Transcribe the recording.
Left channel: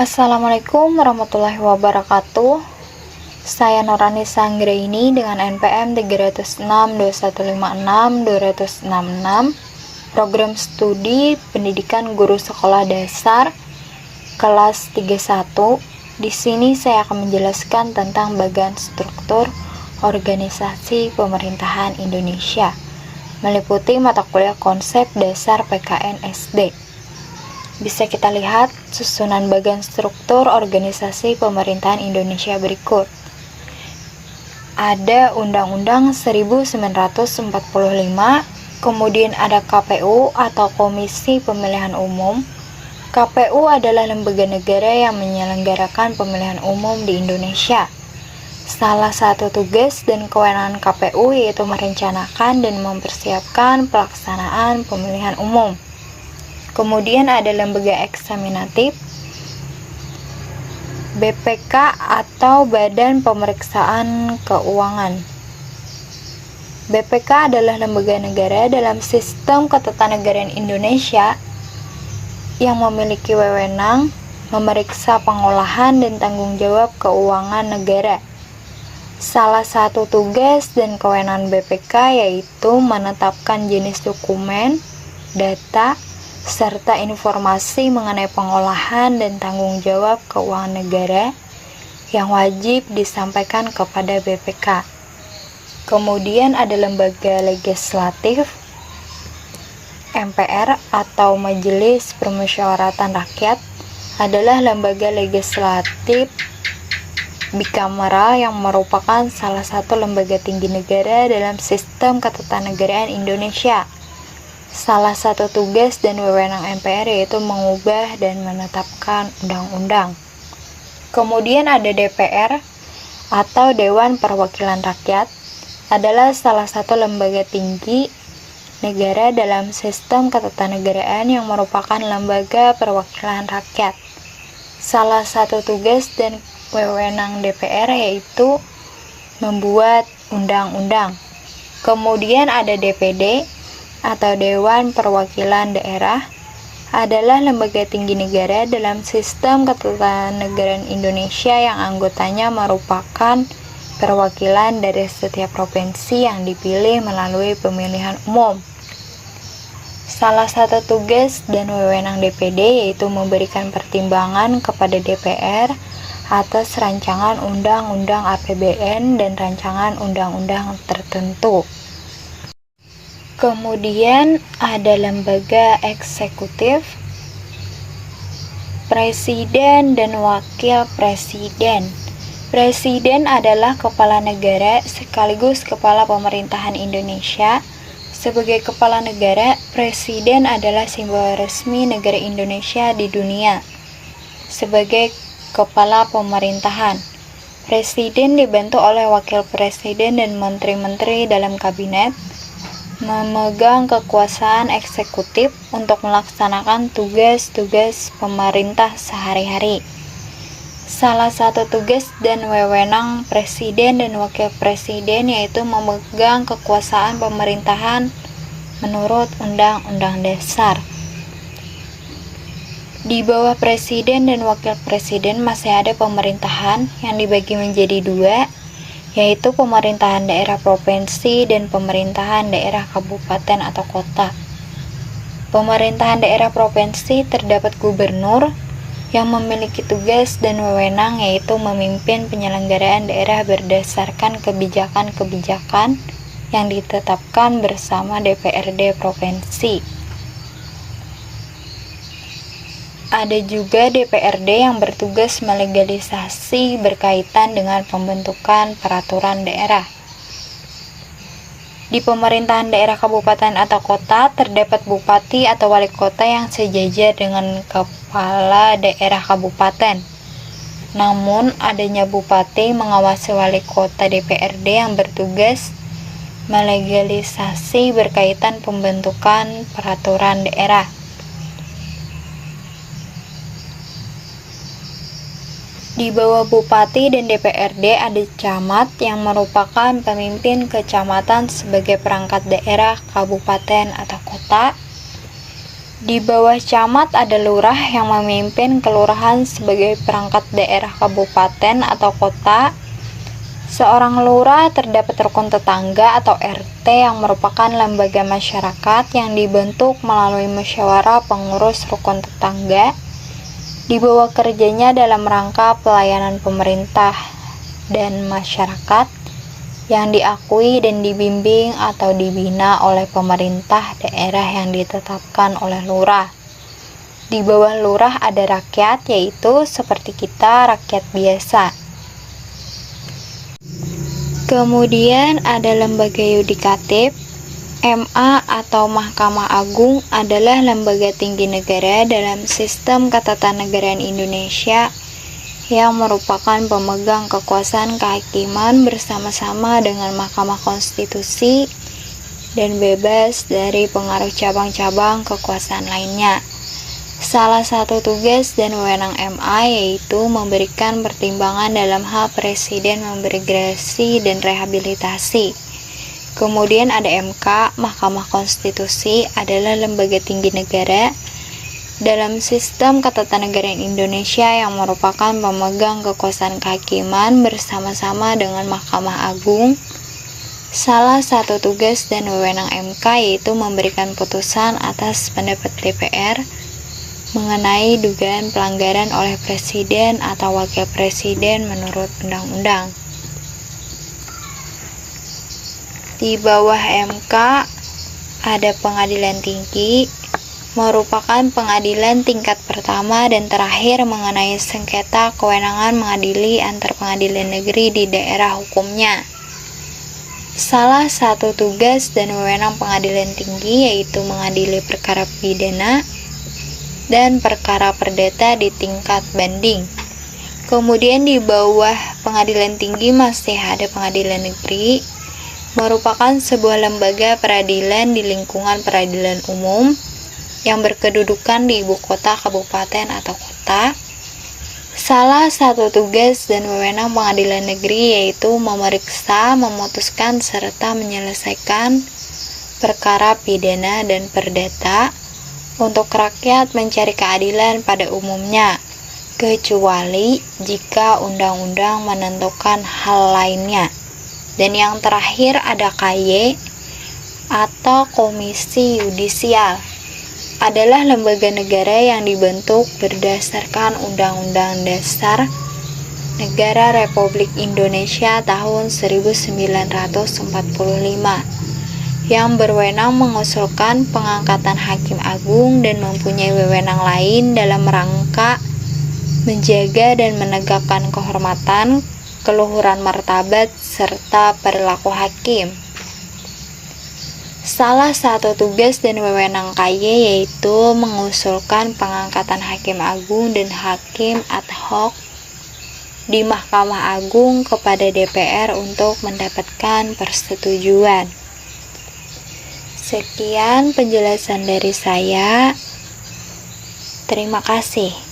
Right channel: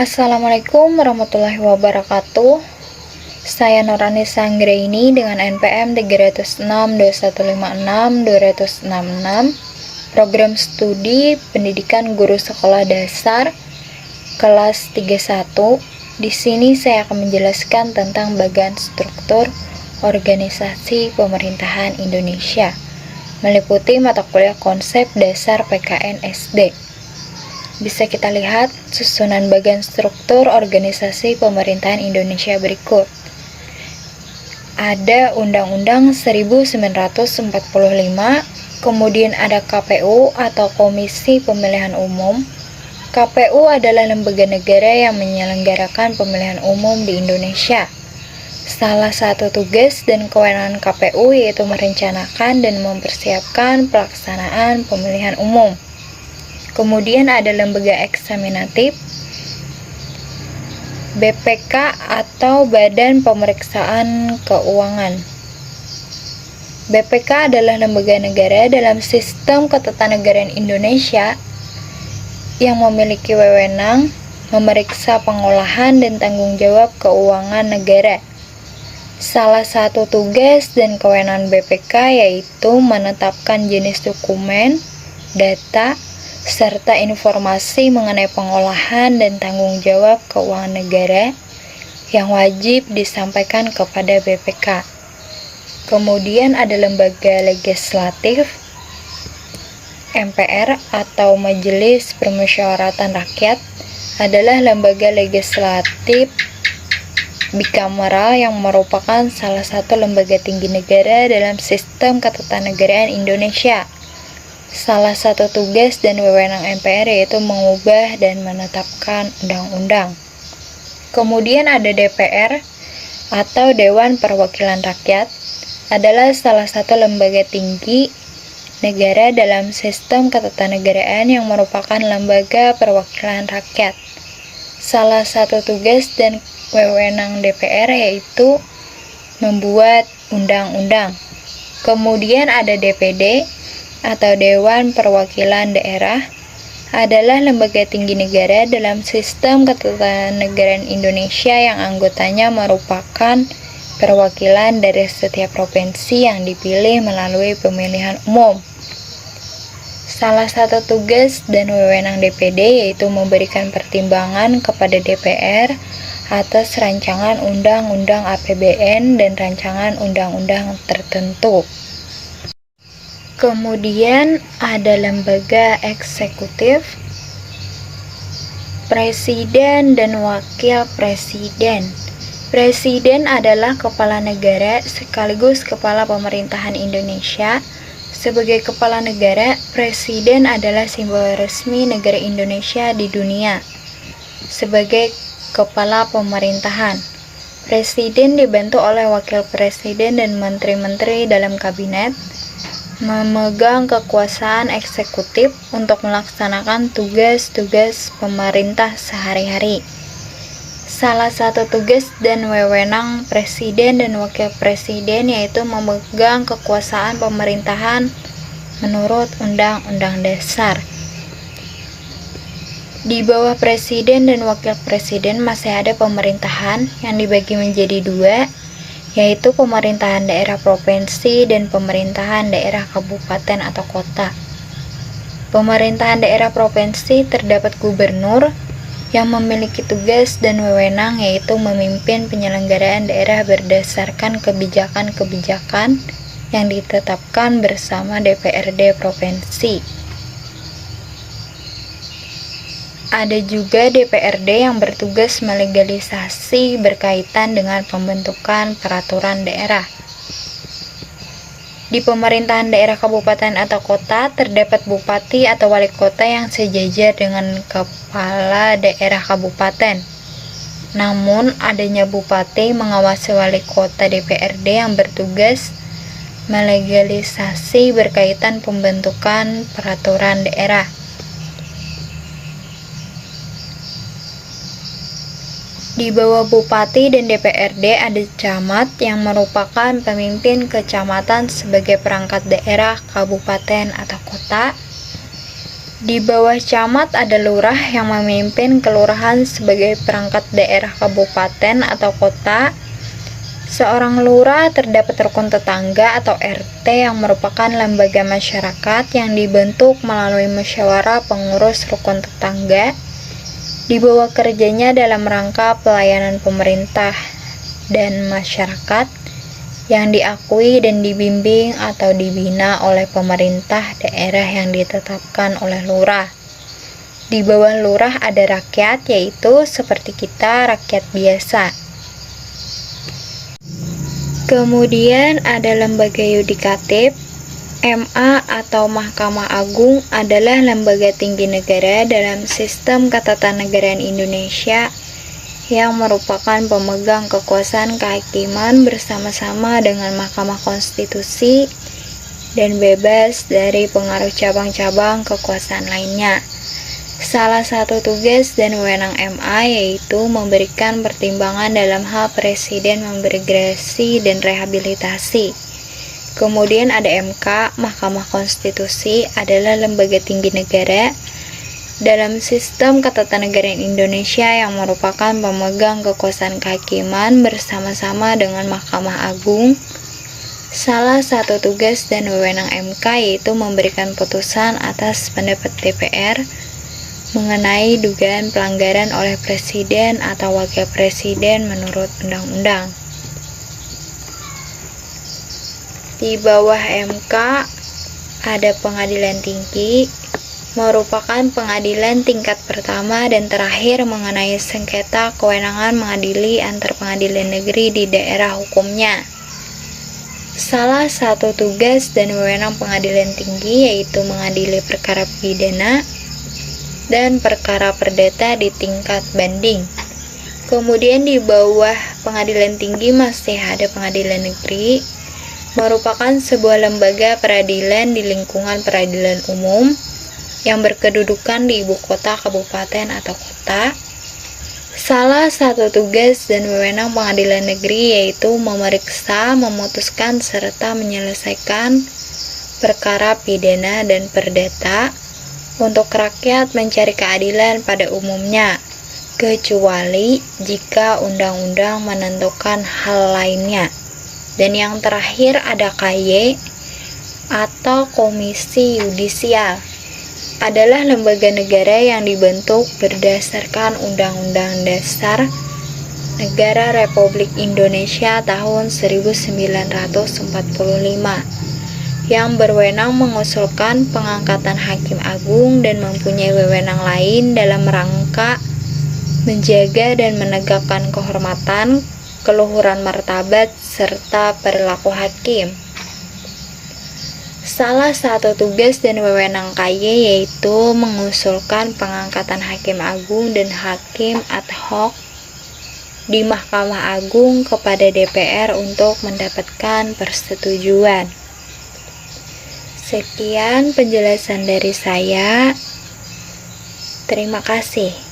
Assalamualaikum warahmatullahi wabarakatuh. Saya Nurani Sanggraini dengan NPM 3062156-266, Program Studi Pendidikan Guru Sekolah Dasar kelas 31. Di sini saya akan menjelaskan tentang bagian struktur organisasi pemerintahan Indonesia, meliputi mata kuliah konsep dasar PKN SD. Bisa kita lihat susunan bagian struktur organisasi pemerintahan Indonesia berikut. Ada Undang-Undang 1945, kemudian ada KPU atau Komisi Pemilihan Umum. KPU adalah lembaga negara yang menyelenggarakan pemilihan umum di Indonesia. Salah satu tugas dan kewenangan KPU yaitu merencanakan dan mempersiapkan pelaksanaan pemilihan umum. Kemudian ada lembaga eksaminatif, BPK atau Badan Pemeriksaan Keuangan. BPK adalah lembaga negara dalam sistem ketatanegaraan Indonesia yang memiliki wewenang memeriksa pengolahan dan tanggung jawab keuangan negara. Salah satu tugas dan kewenangan BPK yaitu menetapkan jenis dokumen, data, serta informasi mengenai pengolahan dan tanggung jawab keuangan negara yang wajib disampaikan kepada BPK. Kemudian ada lembaga legislatif, MPR atau Majelis Permusyawaratan Rakyat adalah lembaga legislatif bikameral yang merupakan salah satu lembaga tinggi negara dalam sistem ketatanegaraan Indonesia. Salah satu tugas dan wewenang MPR yaitu mengubah dan menetapkan undang-undang. Kemudian ada DPR atau Dewan Perwakilan Rakyat, adalah salah satu lembaga tinggi negara dalam sistem ketatanegaraan yang merupakan lembaga perwakilan rakyat. Salah satu tugas dan wewenang DPR yaitu membuat undang-undang. Kemudian ada DPD atau Dewan Perwakilan Daerah, adalah lembaga tinggi negara dalam sistem ketatanegaraan Indonesia yang anggotanya merupakan perwakilan dari setiap provinsi yang dipilih melalui pemilihan umum. Salah satu tugas dan wewenang DPD yaitu memberikan pertimbangan kepada DPR atas rancangan undang-undang APBN dan rancangan undang-undang tertentu. Kemudian ada lembaga eksekutif, presiden dan wakil presiden. Presiden adalah kepala negara sekaligus kepala pemerintahan Indonesia. Sebagai kepala negara, presiden adalah simbol resmi negara Indonesia di dunia. Sebagai kepala pemerintahan, presiden dibantu oleh wakil presiden dan menteri-menteri dalam kabinet, memegang kekuasaan eksekutif untuk melaksanakan tugas-tugas pemerintah sehari-hari. Salah satu tugas dan wewenang presiden dan wakil presiden yaitu memegang kekuasaan pemerintahan menurut Undang-Undang Dasar. Di bawah presiden dan wakil presiden masih ada pemerintahan yang dibagi menjadi dua, yaitu pemerintahan daerah provinsi dan pemerintahan daerah kabupaten atau kota. Pemerintahan daerah provinsi terdapat gubernur yang memiliki tugas dan wewenang yaitu memimpin penyelenggaraan daerah berdasarkan kebijakan-kebijakan yang ditetapkan bersama DPRD provinsi. Ada juga DPRD yang bertugas melegalisasi berkaitan dengan pembentukan peraturan daerah. Di pemerintahan daerah kabupaten atau kota terdapat bupati atau wali kota yang sejajar dengan kepala daerah kabupaten. Namun, adanya bupati mengawasi wali kota DPRD yang bertugas melegalisasi berkaitan pembentukan peraturan daerah. Di bawah bupati dan DPRD ada camat yang merupakan pemimpin kecamatan sebagai perangkat daerah, kabupaten, atau kota. Di bawah camat ada lurah yang memimpin kelurahan sebagai perangkat daerah kabupaten atau kota. Seorang lurah terdapat rukun tetangga atau RT yang merupakan lembaga masyarakat yang dibentuk melalui musyawarah pengurus rukun tetangga di bawah kerjanya dalam rangka pelayanan pemerintah dan masyarakat yang diakui dan dibimbing atau dibina oleh pemerintah daerah yang ditetapkan oleh lurah. Di bawah lurah ada rakyat, yaitu seperti kita, rakyat biasa. Kemudian ada lembaga yudikatif. MA atau Mahkamah Agung adalah lembaga tinggi negara dalam sistem ketatanegaraan Indonesia yang merupakan pemegang kekuasaan kehakiman bersama-sama dengan Mahkamah Konstitusi dan bebas dari pengaruh cabang-cabang kekuasaan lainnya. Salah satu tugas dan wewenang MA yaitu memberikan pertimbangan dalam hal presiden memberi gerasi dan rehabilitasi. Kemudian ada MK, Mahkamah Konstitusi adalah lembaga tinggi negara dalam sistem ketatanegaraan Indonesia yang merupakan pemegang kekuasaan kehakiman bersama-sama dengan Mahkamah Agung. Salah satu tugas dan wewenang MK yaitu memberikan putusan atas pendapat DPR mengenai dugaan pelanggaran oleh presiden atau wakil presiden menurut undang-undang. Di bawah MK ada Pengadilan Tinggi, merupakan pengadilan tingkat pertama dan terakhir mengenai sengketa kewenangan mengadili antar pengadilan negeri di daerah hukumnya. Salah satu tugas dan wewenang Pengadilan Tinggi yaitu mengadili perkara pidana dan perkara perdata di tingkat banding. Kemudian di bawah Pengadilan Tinggi masih ada Pengadilan Negeri, merupakan sebuah lembaga peradilan di lingkungan peradilan umum yang berkedudukan di ibu kota, kabupaten, atau kota. Salah satu tugas dan wewenang Pengadilan Negeri yaitu memeriksa, memutuskan, serta menyelesaikan perkara pidana dan perdata untuk rakyat mencari keadilan pada umumnya, kecuali jika undang-undang menentukan hal lainnya. Dan yang terakhir ada KY atau Komisi Yudisial, adalah lembaga negara yang dibentuk berdasarkan Undang-Undang Dasar Negara Republik Indonesia tahun 1945 yang berwenang mengusulkan pengangkatan Hakim Agung dan mempunyai wewenang lain dalam rangka menjaga dan menegakkan kehormatan, keluhuran martabat, serta perilaku hakim. Salah satu tugas dan wewenang KY yaitu mengusulkan pengangkatan Hakim Agung dan Hakim ad hoc di Mahkamah Agung kepada DPR untuk mendapatkan persetujuan. Sekian penjelasan dari saya. Terima kasih.